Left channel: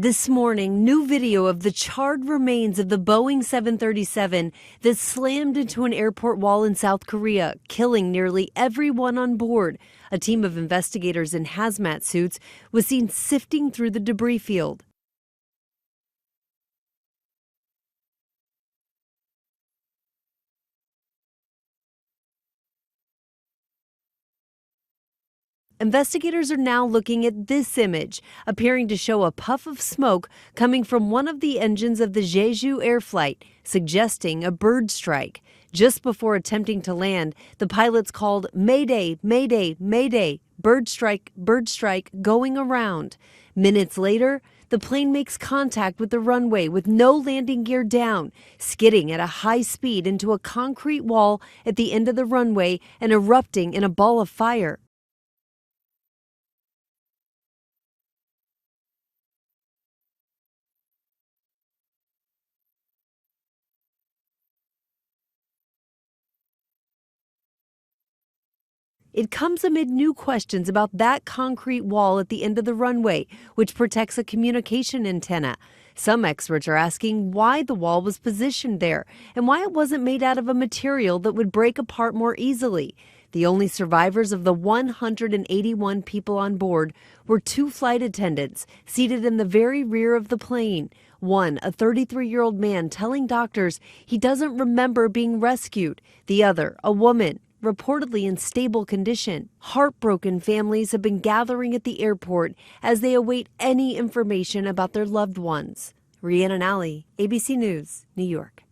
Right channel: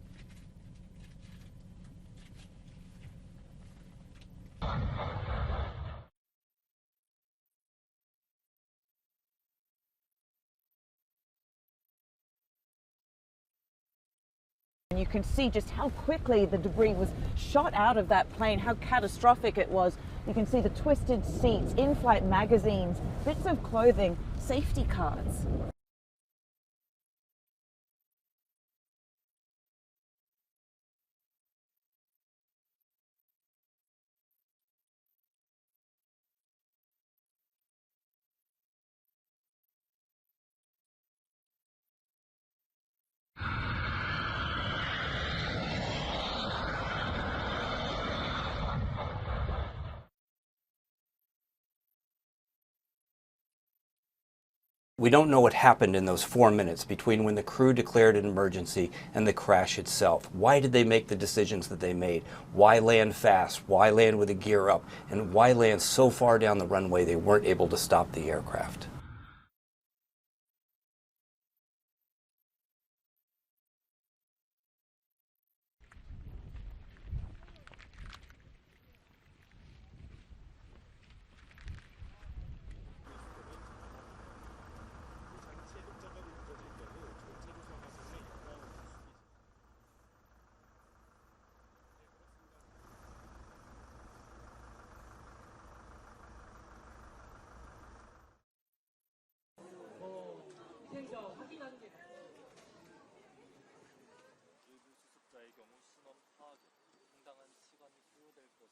This morning, new video of the charred remains of the Boeing 737 that slammed into an airport wall in South Korea, killing nearly everyone on board. A team of investigators in hazmat suits was seen sifting through the debris field. You can see just how quickly the debris was shot out of that plane, how catastrophic it was. You can see the twisted seats, in-flight magazines, bits of clothing, safety cards. Investigators are now looking at this image, appearing to show a puff of smoke coming from one of the engines of the Jeju Air flight, suggesting a bird strike. Just before attempting to land, the pilots called "Mayday, Mayday, Mayday, bird strike, going around." Minutes later, the plane makes contact with the runway with no landing gear down, skidding at a high speed into a concrete wall at the end of the runway and erupting in a ball of fire. We don't know what happened in those 4 minutes between when the crew declared an emergency and the crash itself. Why did they make the decisions that they made? Why land fast? Why land with the gear up? And why land so far down the runway they weren't able to stop the aircraft? It comes amid new questions about that concrete wall at the end of the runway, which protects a communication antenna. Some experts are asking why the wall was positioned there and why it wasn't made out of a material that would break apart more easily. The only survivors of the 181 people on board were 2 flight attendants seated in the very rear of the plane. One, a 33-year-old man, telling doctors he doesn't remember being rescued. The other, a woman, reportedly in stable condition. Heartbroken families have been gathering at the airport as they await any information about their loved ones. Rhiannon Alley, ABC News, New York.